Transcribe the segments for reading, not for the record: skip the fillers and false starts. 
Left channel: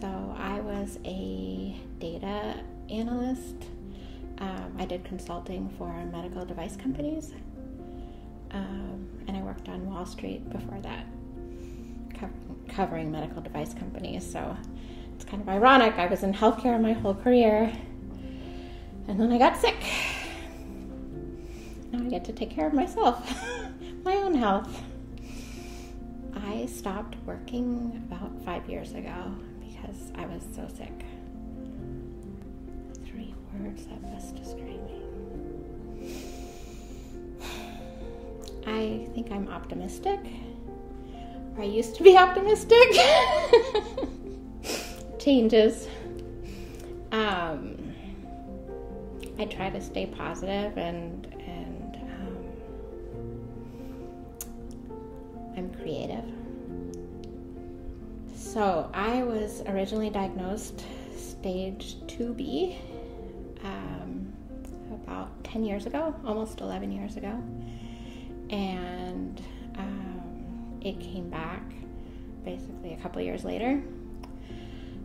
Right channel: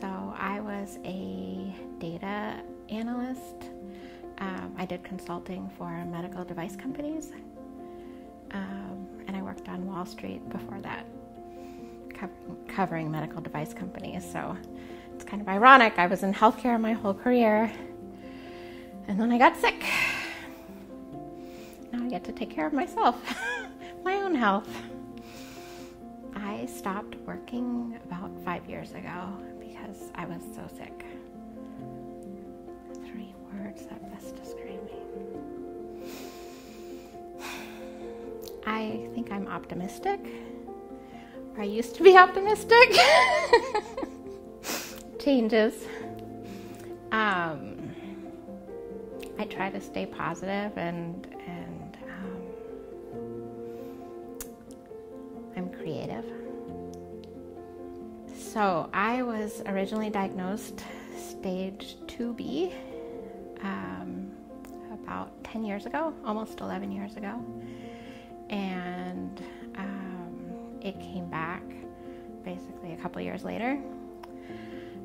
So I was a data analyst. I did consulting for medical device companies. And I worked on Wall Street before that, covering medical device companies. So it's kind of ironic. I was in healthcare my whole career, and then I got sick. Now I get to take care of myself, my own health. I stopped working about 5 years ago because I was so sick. 3 words that best describe me. I think I'm optimistic. I used to be optimistic. Changes. I try to stay positive and I'm creative. So I was originally diagnosed stage 2B about 10 years ago, almost 11 years ago. And it came back basically a couple years later.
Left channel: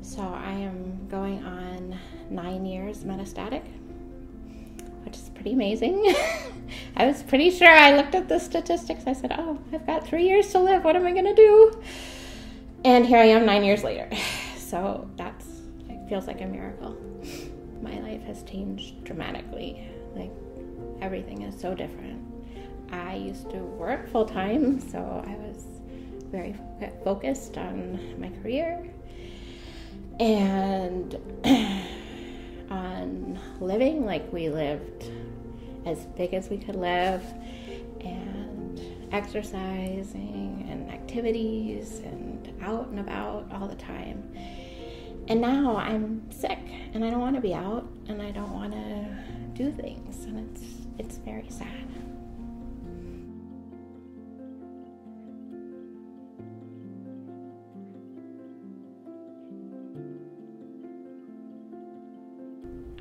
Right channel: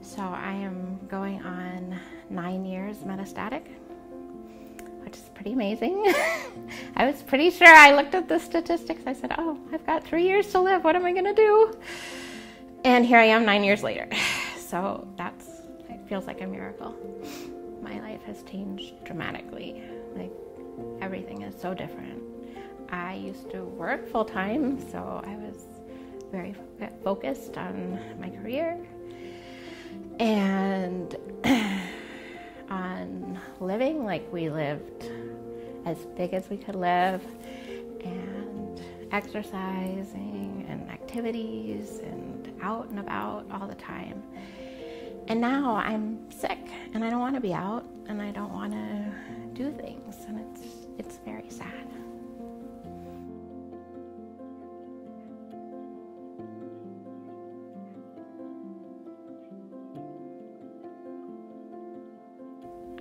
So I am going on 9 years metastatic, which is pretty amazing. I was pretty sure. I looked at the statistics. I said, oh, I've got 3 years to live. What am I going to do? And here I am 9 years later. So it feels like a miracle. My life has changed dramatically. Like, everything is so different. I used to work full time, so I was very focused on my career and on living. Like, we lived as big as we could live, and exercising and activities and out and about all the time. And now I'm sick and I don't want to be out and I don't want to do things, and it's very sad.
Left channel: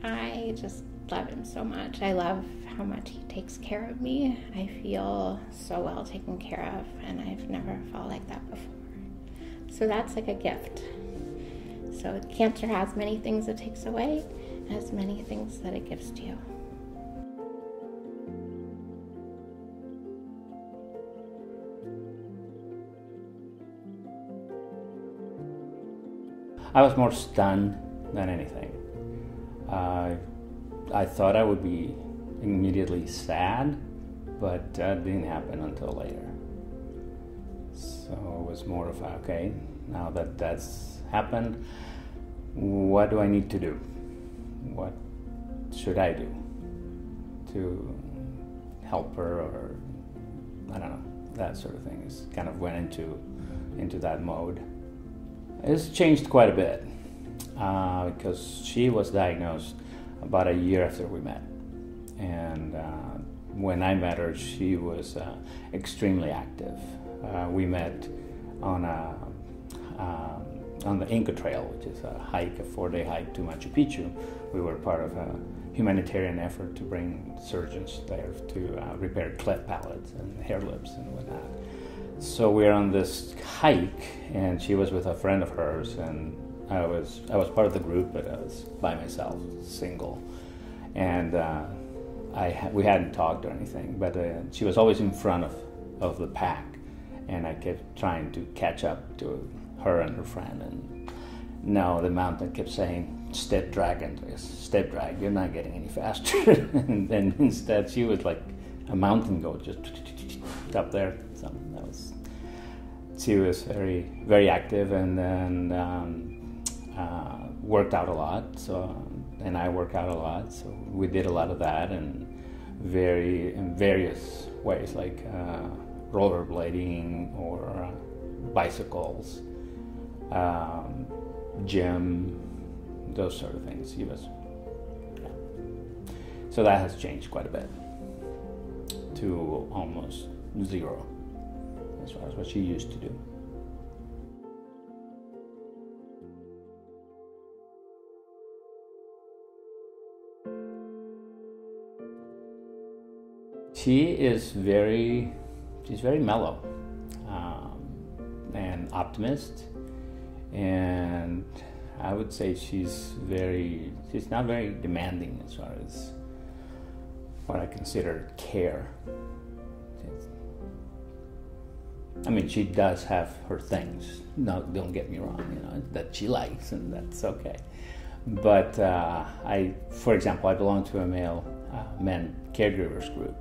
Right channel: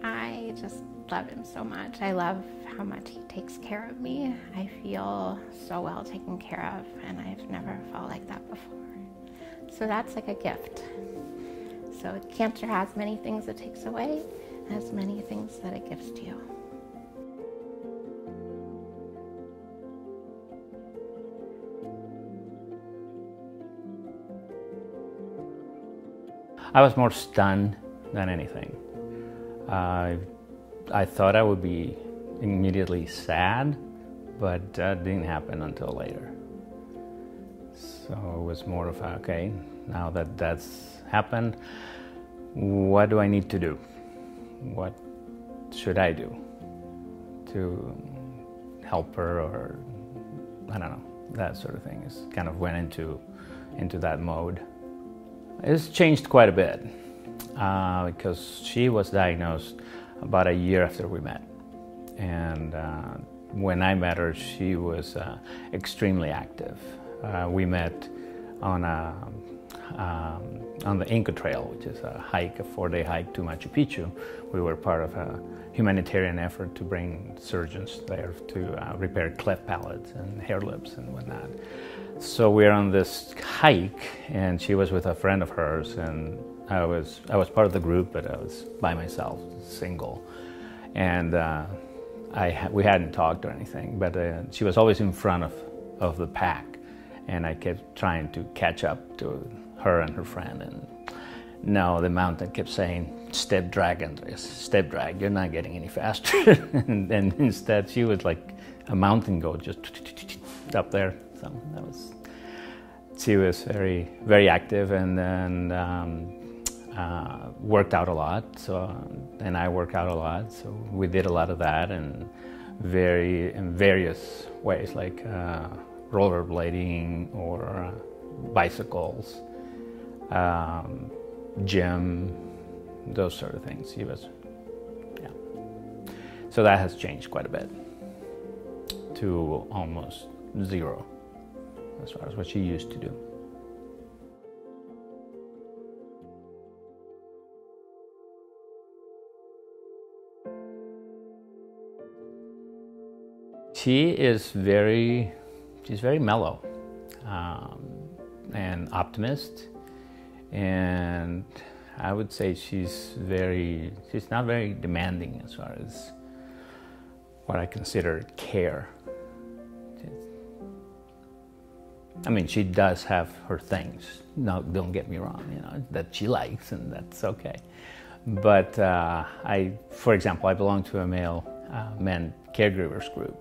I just love him so much. I love how much he takes care of me. I feel so well taken care of, and I've never felt like that before. So that's like a gift. So cancer has many things it takes away, and has many things that it gives to you. I was more stunned than anything. I thought I would be immediately sad, but that didn't happen until later. So it was more of okay, now that that's happened, what do I need to do? What should I do to help her, or I don't know, that sort of thing. Is kind of went into that mode. It's changed quite a bit because she was diagnosed about a year after we met, and when I met her, she was extremely active. We met on the Inca Trail, which is a 4-day hike to Machu Picchu. We were part of a humanitarian effort to bring surgeons there to repair cleft palates and hair lips and whatnot. So we're on this hike, and she was with a friend of hers, and I was part of the group, but I was by myself, single, and we hadn't talked or anything. But she was always in front of the pack, and I kept trying to catch up to her and her friend. And no, the mountain kept saying, "Step drag, Andres, step drag. You're not getting any faster." And then instead, she was like a mountain goat, just up there. So she was very, very active, and then worked out a lot. So, and I work out a lot. So we did a lot of that, and in various ways, like rollerblading or bicycles, gym, those sort of things. Yeah. So that has changed quite a bit to almost zero as far as what she used to do. She's very mellow and optimist, and I would say she's not very demanding as far as what I consider care. I mean, she does have her things. No, don't get me wrong, that she likes, and that's okay. But for example, I belong to a men caregivers group,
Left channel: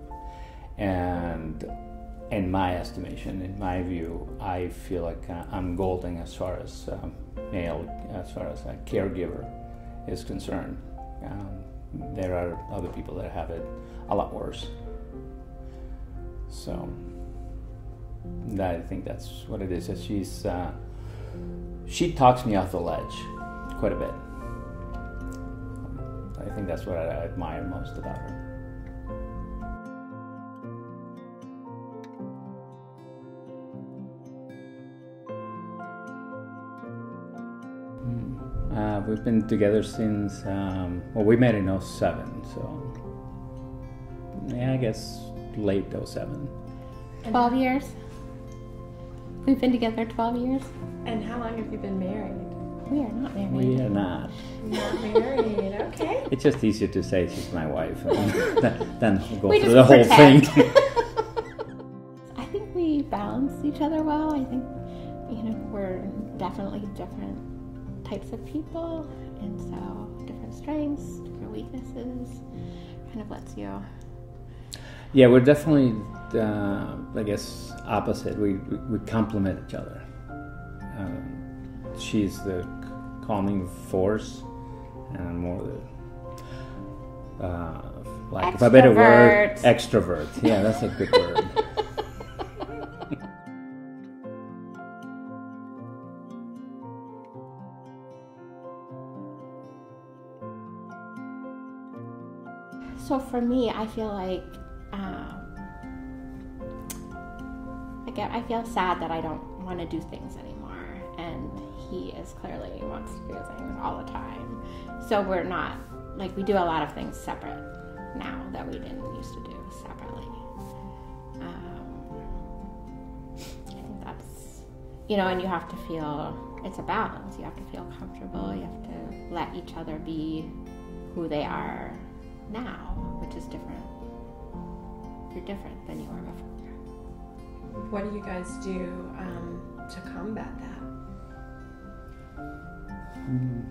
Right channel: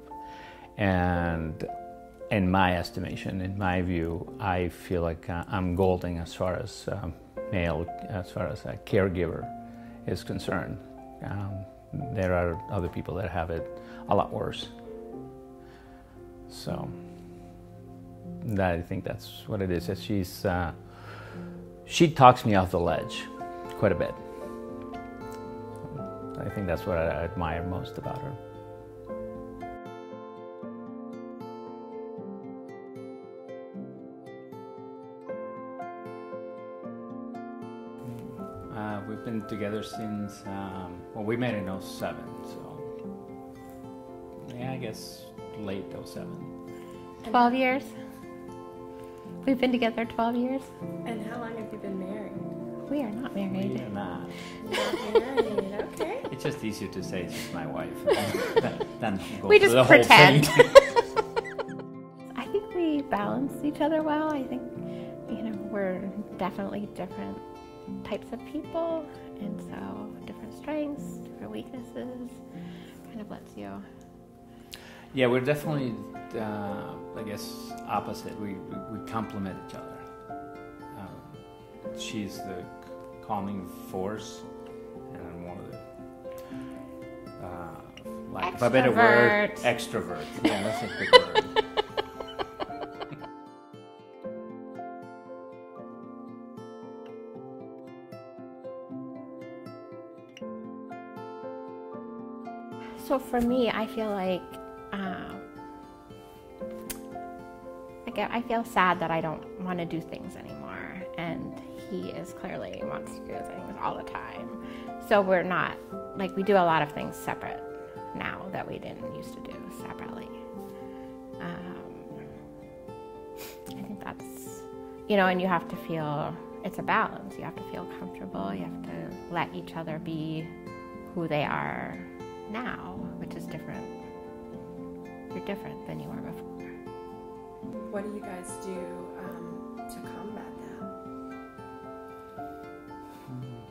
and in my estimation, in my view, I feel like I'm golden as far as a caregiver is concerned. There are other people that have it a lot worse. So I think that's what it is. That she talks me off the ledge quite a bit. I think that's what I admire most about her. We've been together since, we met in 07, so yeah, I guess late 07. 12 years. We've been together 12 years. And how long have you been married? We are not married. We are not. Not married, okay. It's just easier to say she's my wife than go We through just the whole pretend. thing. I think we balance each other well. I think, we're definitely different types of people, and so different strengths, different weaknesses, kind of lets you. Yeah, we're definitely, I guess, opposite. We complement each other. She's the calming force, and I'm more the, like, if a better word, extrovert. Yeah, that's a good word. So for me, I feel like I feel sad that I don't want to do things anymore, and he is clearly wants to do things all the time. So we're not, we do a lot of things separate now that we didn't used to do separately. I think that's, and you have to feel, it's a balance. You have to feel comfortable. You have to let each other be who they are now, which is different. You're different than you were before. What do you guys do to combat that?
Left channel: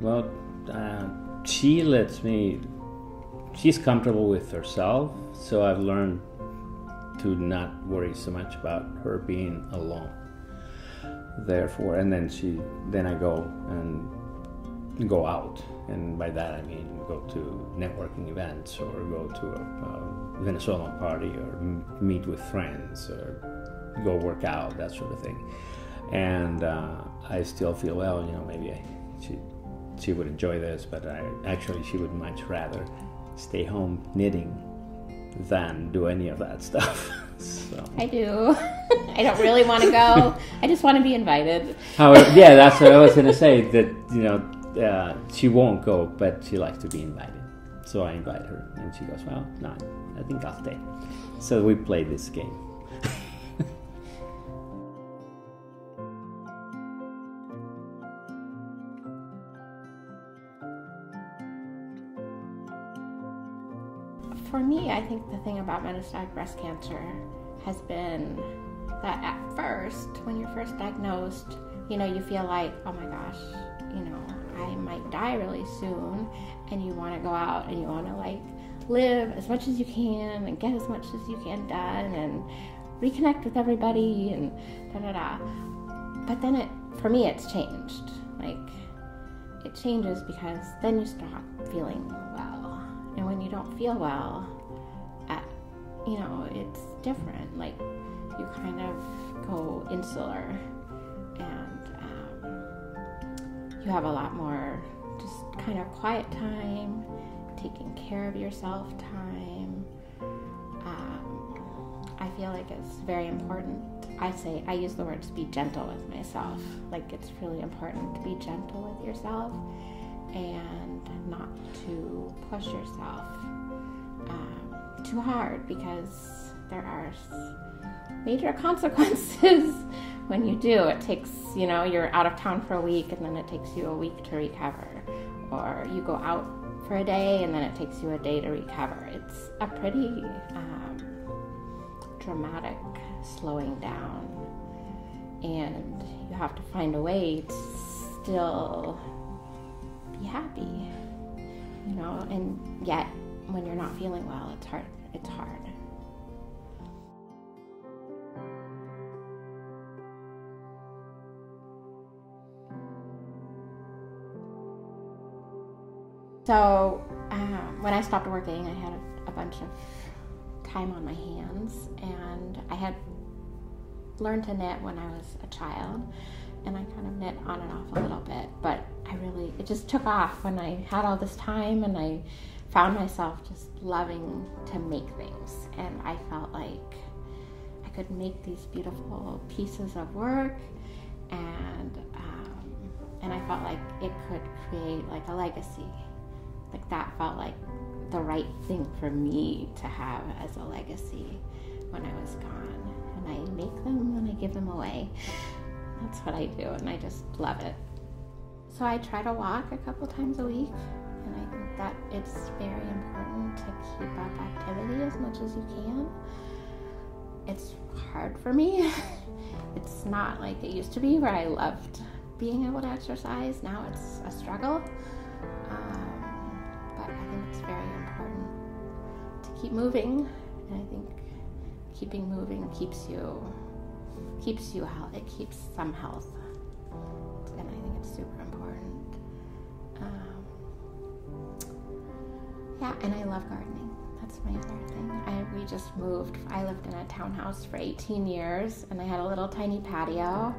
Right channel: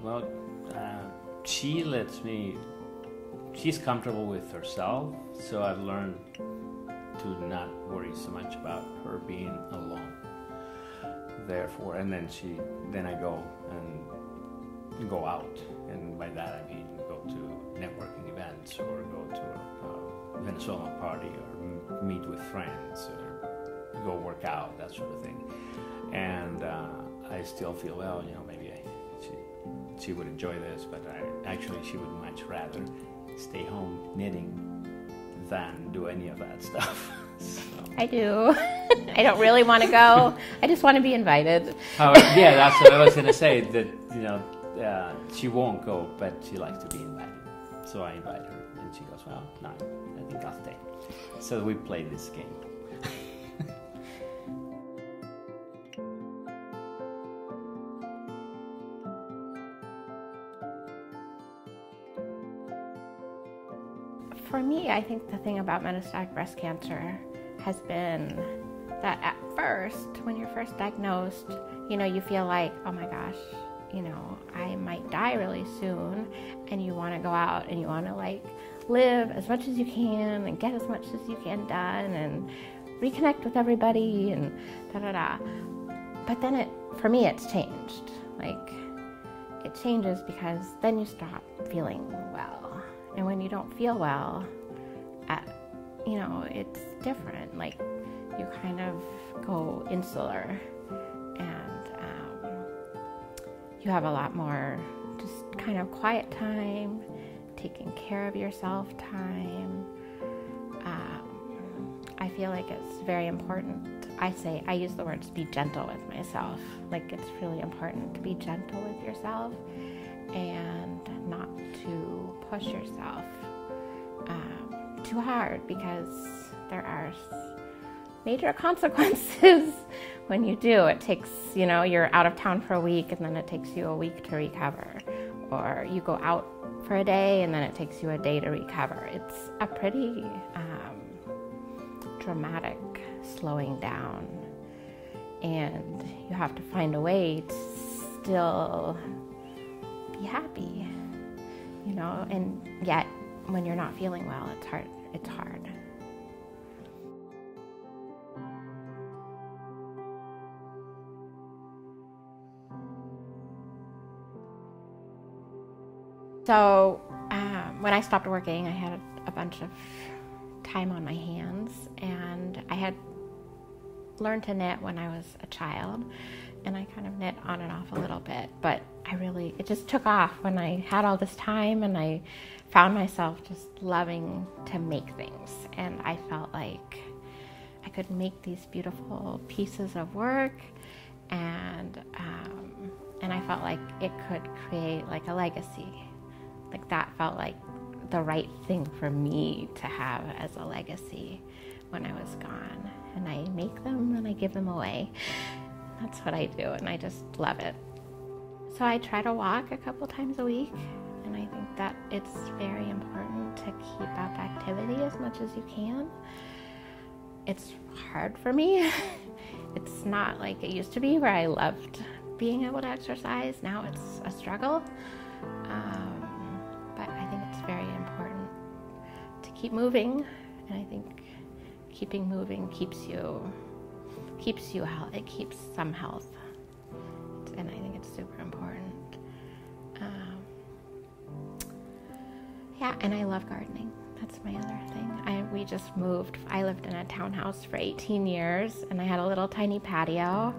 Well, she's comfortable with herself, so I've learned to not worry so much about her being alone. Therefore, and then I go out, and by that I mean go to networking events or go to a Venezuelan party or meet with friends or go work out, that sort of thing. And I still feel, maybe she would enjoy this, but she would much rather stay home knitting than do any of that stuff. So. I do. I don't really want to go. I just want to be invited. Yeah, that's what I was going to say, that she won't go, but she likes to be invited. So I invite her, and she goes, well, no, I think I'll stay. So we play this game. For me, I think the thing about metastatic breast cancer has been that at first, when you're first diagnosed, you feel like, oh my gosh, I might die really soon, and you want to go out and you want to live as much as you can and get as much as you can done and reconnect with everybody and da-da-da. But then for me, it's changed. It changes because then you stop feeling well. And when you don't feel well, it's different. You kind of go insular, and you have a lot more just kind of quiet time, taking care of yourself time. I feel like it's very important. I use the words be gentle with myself. It's really important to be gentle with yourself and not to push yourself too hard, because there are major consequences when you do, it takes, you're out of town for a week and then it takes you a week to recover. Or you go out for a day and then it takes you a day to recover. It's a pretty dramatic slowing down. And you have to find a way to still be happy, and yet when you're not feeling well, it's hard. So when I stopped working, I had a bunch of time on my hands, and I had learned to knit when I was a child, and I kind of knit on and off a little bit, but it just took off when I had all this time, and I found myself just loving to make things, and I felt like I could make these beautiful pieces of work, and I felt like it could create like a legacy. Like that felt like the right thing for me to have as a legacy when I was gone. And I make them and I give them away. That's what I do, and I just love it. So I try to walk a couple times a week, and I think that it's very important to keep up activity as much as you can. It's hard for me. It's not like it used to be where I loved being able to exercise. Now it's a struggle. But I think it's very important to keep moving, and I think keeping moving keeps you healthy. It keeps some health, and I think it's super important. And I love gardening. That's my other thing. We just moved. I lived in a townhouse for 18 years, and I had a little tiny patio.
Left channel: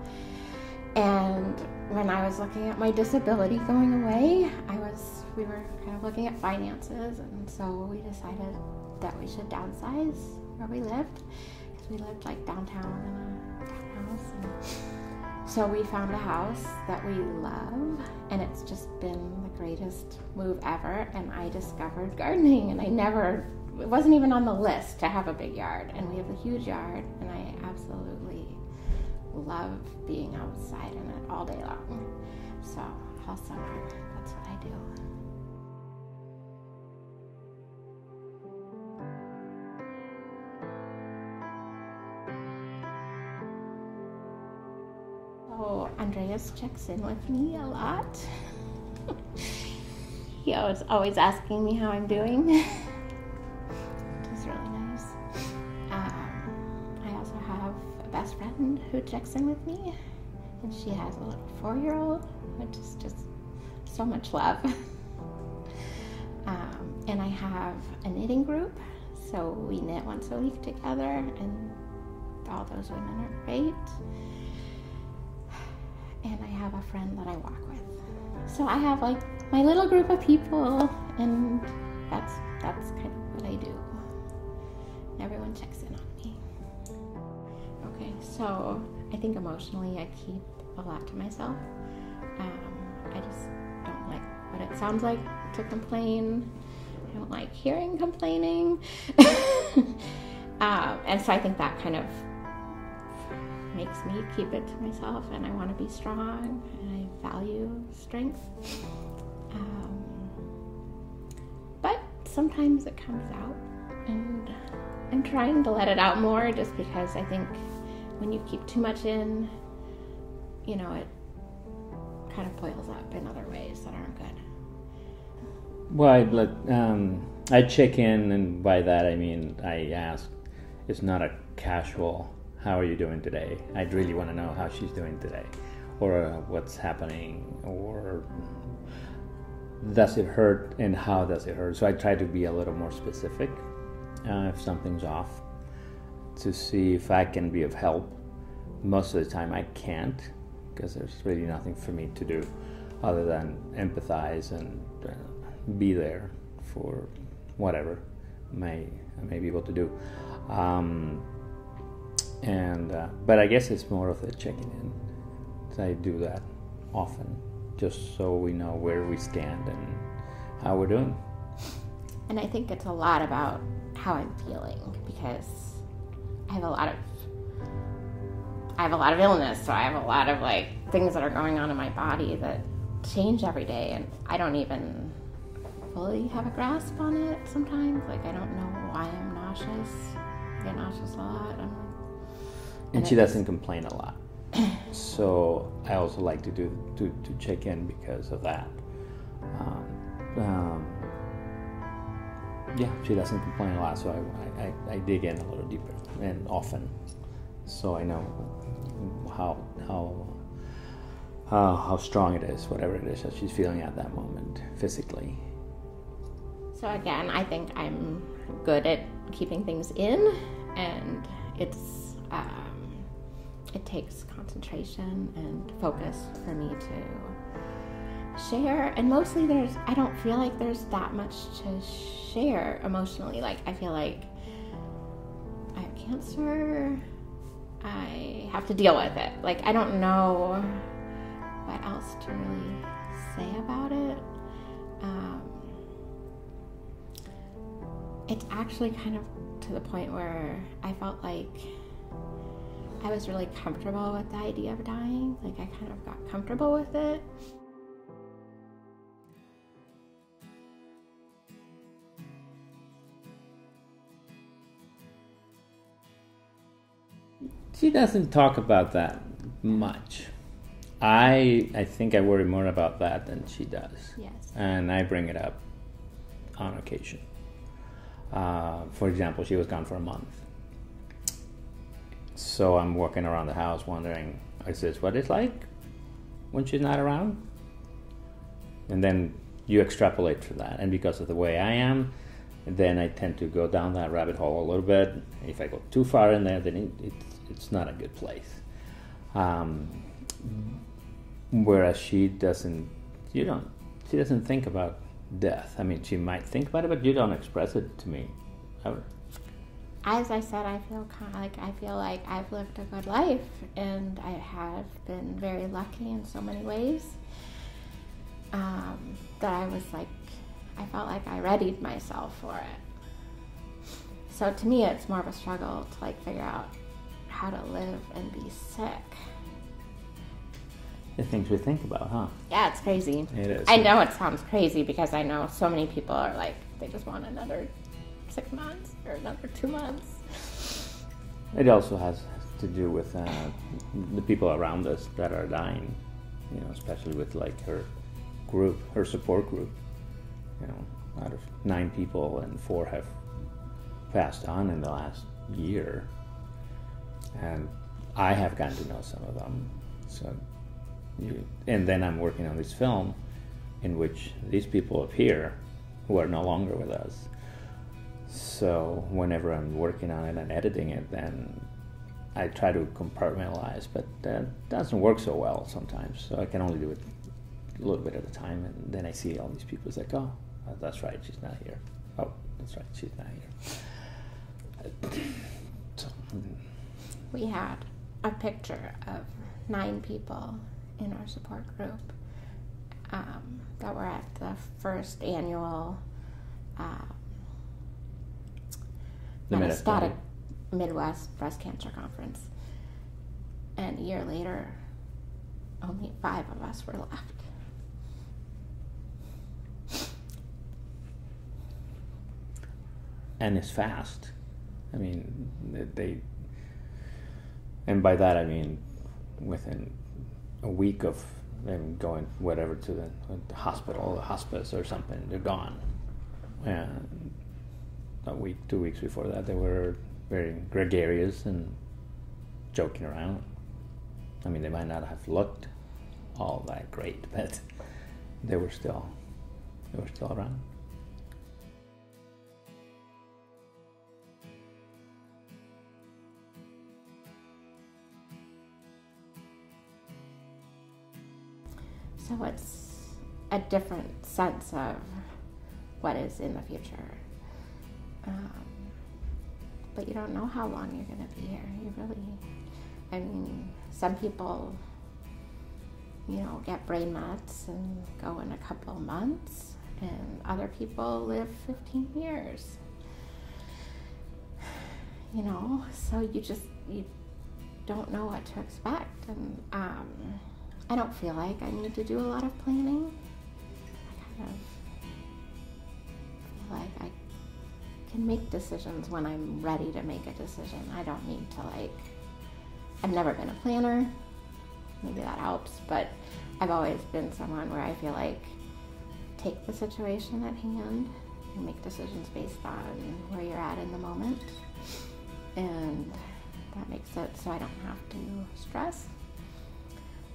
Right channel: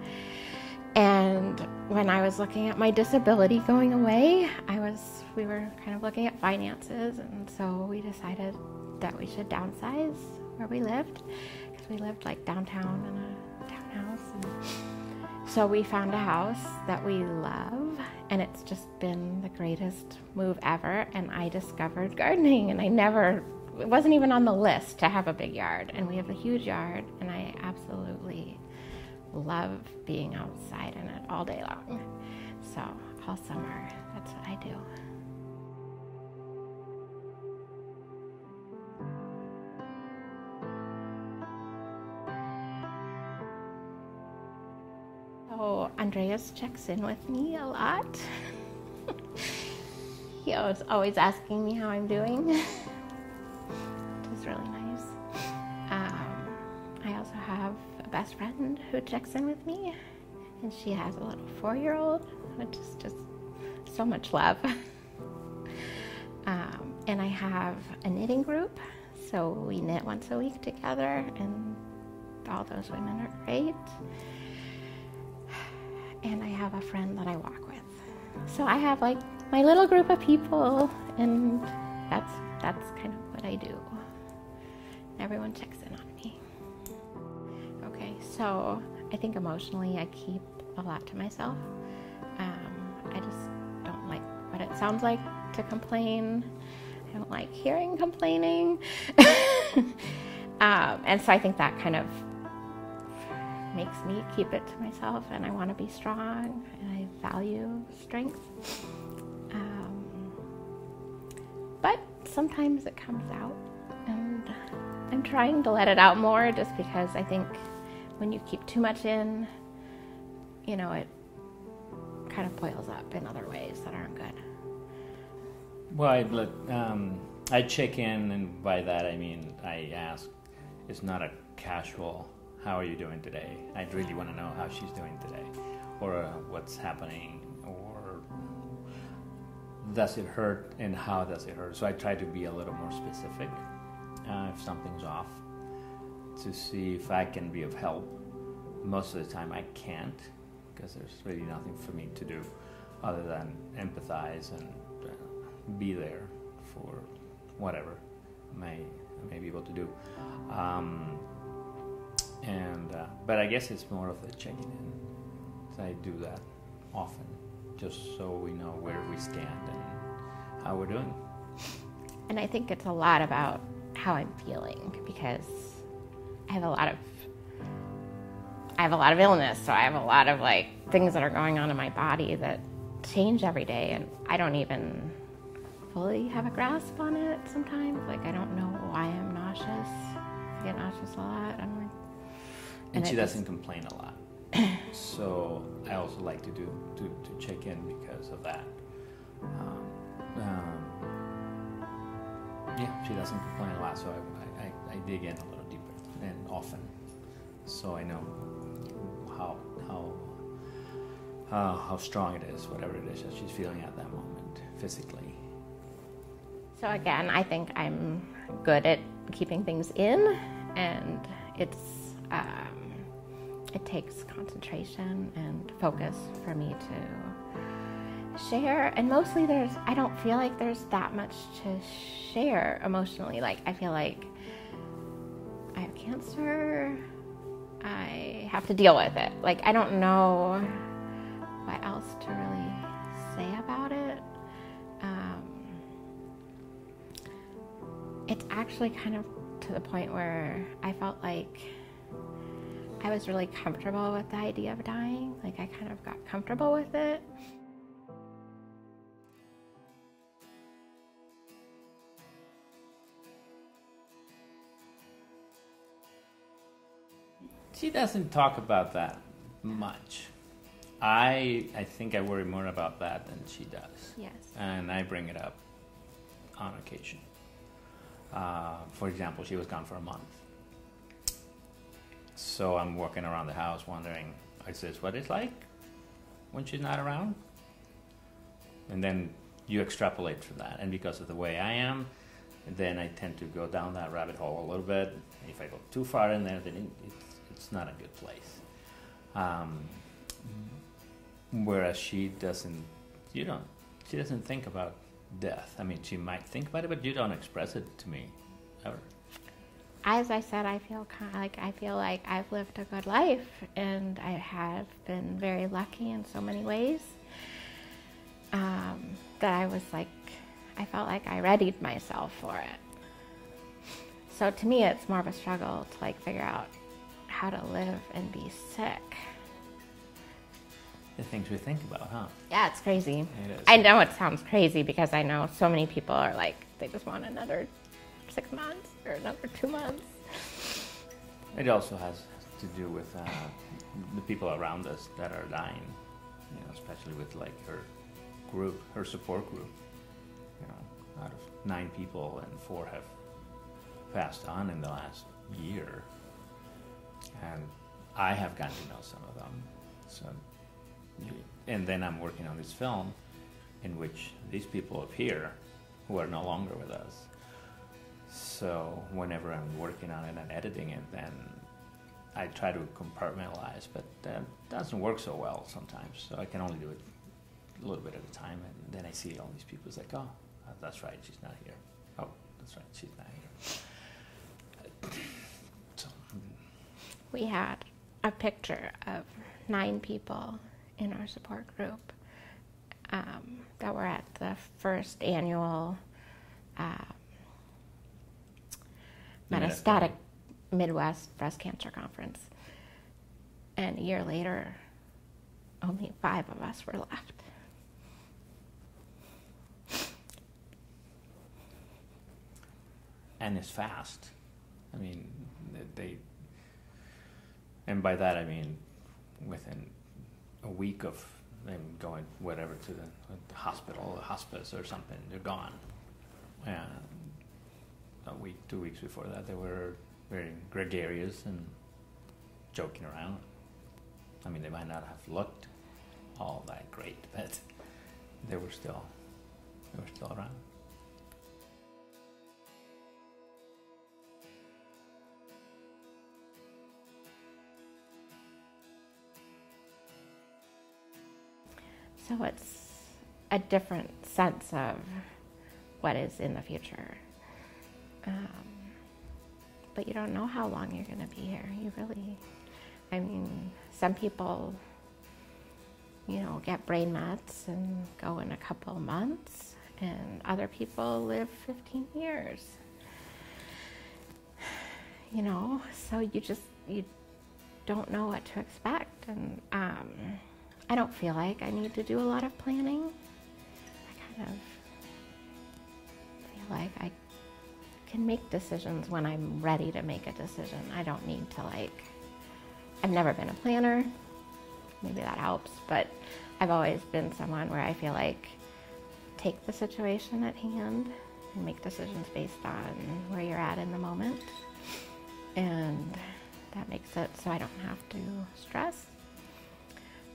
And when I was looking at my disability going away, we were kind of looking at finances, and so we decided that we should downsize where we lived, because we lived like downtown in a townhouse. And so we found a house that we love, and it's just been the greatest move ever. And I discovered gardening, and it wasn't even on the list to have a big yard, and we have a huge yard, and I absolutely love being outside in it all day long. So all summer, that's what I do. So Andreas checks in with me a lot. He was always asking me how I'm doing, which is really nice. I also have a best friend who checks in with me, and she has a little 4-year-old, which is just so much love. And I have a knitting group, so we knit once a week together, and all those women are great. And I have a friend that I walk with. So I have like my little group of people, and that's kind of what I do. Everyone checks in on me. Okay, so I think emotionally I keep a lot to myself. I just don't like what it sounds like to complain. I don't like hearing complaining. And so I think that kind of makes me keep it to myself, and I want to be strong, and I value strength. But sometimes it comes out, and I'm trying to let it out more, just because I think when you keep too much in, it kind of boils up in other ways that aren't good. Well, I check in, and by that I mean I ask. It's not a casual, how are you doing today? I really want to know how she's doing today, or what's happening, or does it hurt, and how does it hurt? So I try to be a little more specific if something's off, to see if I can be of help. Most of the time I can't, because there's really nothing for me to do other than empathize and be there for whatever I may be able to do. But I guess it's more of a checking in. So I do that often, just so we know where we stand and how we're doing. And I think it's a lot about how I'm feeling, because I have a lot of I have a lot of illness, so I have a lot of like things that are going on in my body that change every day, and I don't even fully have a grasp on it sometimes. Like, I don't know why I'm nauseous. I get nauseous a lot. I'm like, and she doesn't complain a lot. So I also like to check in because of that. Yeah, she doesn't complain a lot, so I dig in a little deeper and often, so I know how strong it is, whatever it is that she's feeling at that moment physically. So again, I think I'm good at keeping things in, and it takes concentration and focus for me to share. And mostly I don't feel like there's that much to share emotionally. Like, I feel like I have cancer, I have to deal with it. Like, I don't know what else to really say about it. It's actually kind of to the point where I felt like I was really comfortable with the idea of dying. Like, I kind of got comfortable with it. She doesn't talk about that much. I think I worry more about that than she does. Yes. And I bring it up on occasion. For example, she was gone for a month. So I'm walking around the house wondering, is this what it's like when she's not around? And then you extrapolate from that. And because of the way I am, then I tend to go down that rabbit hole a little bit. If I go too far in there, then it's not a good place. Whereas she doesn't think about death. I mean, she might think about it, but you don't express it to me ever. As I said, I feel like I've lived a good life, and I have been very lucky in so many ways. That I felt like I readied myself for it. So to me, it's more of a struggle to like figure out how to live and be sick. The things we think about, huh? Yeah, it's crazy. It is. I know it sounds crazy because I know so many people are like, they just want another 6 months or another 2 months. It also has to do with the people around us that are dying, especially with like her support group. Out of 9 people, and 4 have passed on in the last year. And I have gotten to know some of them. And then I'm working on this film in which these people appear who are no longer with us. So whenever I'm working on it and editing it, then I try to compartmentalize, but that doesn't work so well sometimes. So I can only do it a little bit at a time, and then I see all these people. It's like, oh, that's right, she's not here. Oh, that's right, she's not here. We had a picture of 9 people in our support group that were at the first annual Metastatic Midwest Breast Cancer Conference. And a year later, only 5 of us were left. And it's fast. I mean, and by that I mean within a week of them going whatever to the hospital, the hospice or something, they're gone. And a week, 2 weeks before that, they were very gregarious and joking around. I mean, they might not have looked all that great, but they were still around. So it's a different sense of what is in the future. But you don't know how long you're going to be here. I mean, some people, get brain mets and go in a couple months, and other people live 15 years. So don't know what to expect, and I don't feel like I need to do a lot of planning. I kind of feel like I can make decisions when I'm ready to make a decision. I don't need to, like, I've never been a planner. Maybe that helps, but I've always been someone where I feel like take the situation at hand and make decisions based on where you're at in the moment. And that makes it so I don't have to stress.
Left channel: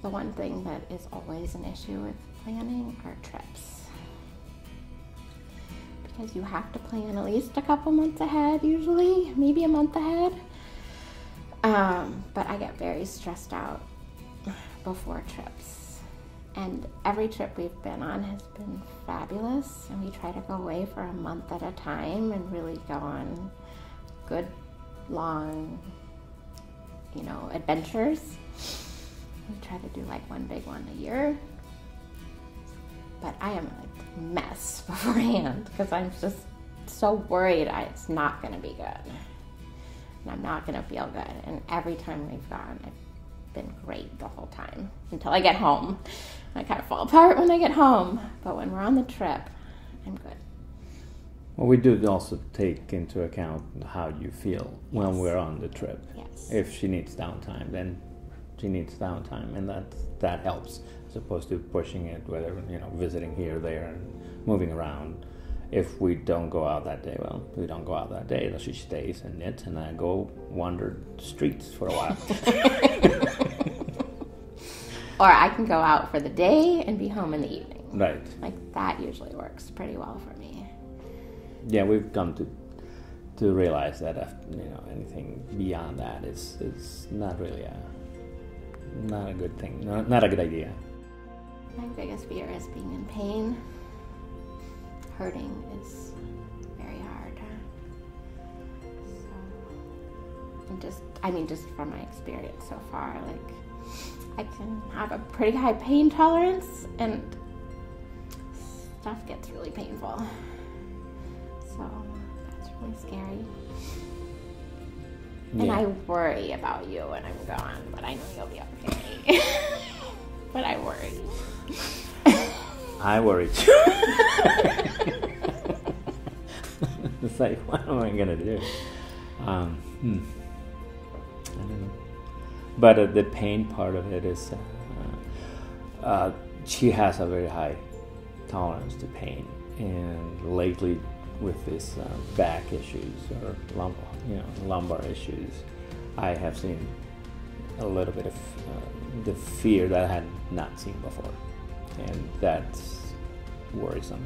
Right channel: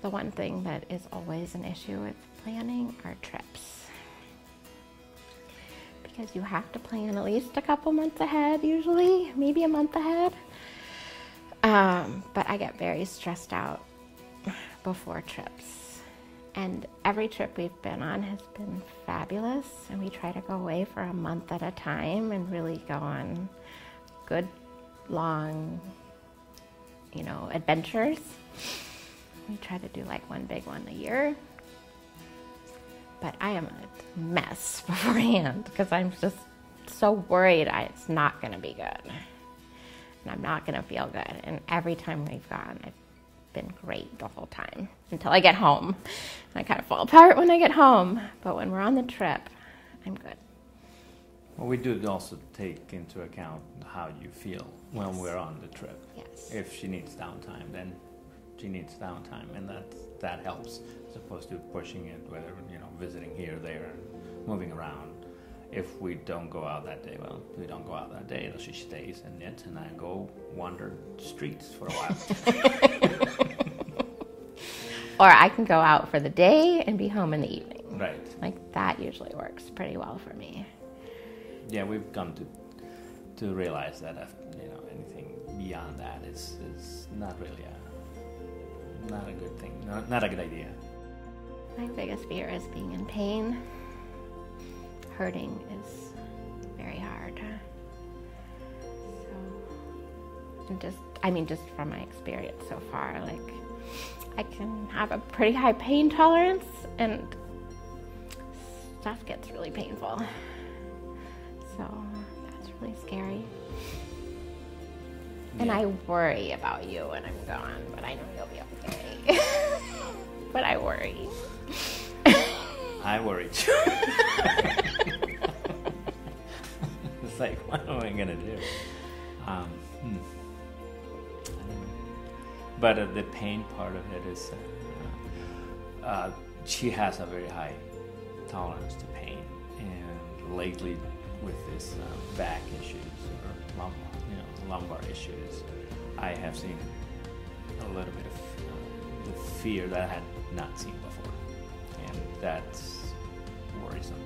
The one thing that is always an issue with planning are trips. Because you have to plan at least a couple months ahead usually, maybe a month ahead. But I get very stressed out before trips. And every trip we've been on has been fabulous, and we try to go away for a month at a time and really go on good, long, adventures. We try to do like one big one a year. But I am a mess beforehand because I'm just so worried it's not going to be good. And I'm not going to feel good. And every time we've gone, it's been great the whole time until I get home. I kind of fall apart when I get home. But when we're on the trip, I'm good. Well, we do also take into account how you feel when we're on the trip. Yes. If she needs downtime, then she needs downtime, and that helps, as opposed to pushing it, whether visiting here, there, and moving around. If we don't go out that day, well, we don't go out that day. She stays and knits, and I go wander the streets for a while. Or I can go out for the day and be home in the evening. Right. Like that usually works pretty well for me. Yeah, we've come to realize that anything beyond that is not really not a good thing, not a good idea. My biggest fear is being in pain. Hurting is very hard. So, and just from my experience so far, like I can have a pretty high pain tolerance, and stuff gets really painful. So that's really scary. Yeah. And I worry about you when I'm gone, but I know you'll be okay. But I worry. I worry too. It's like, what am I gonna do? But the pain part of it is, she has a very high tolerance to pain, and lately with this back issues or lumbar issues, I have seen a little bit of the fear that I had not seen before, and that's worrisome.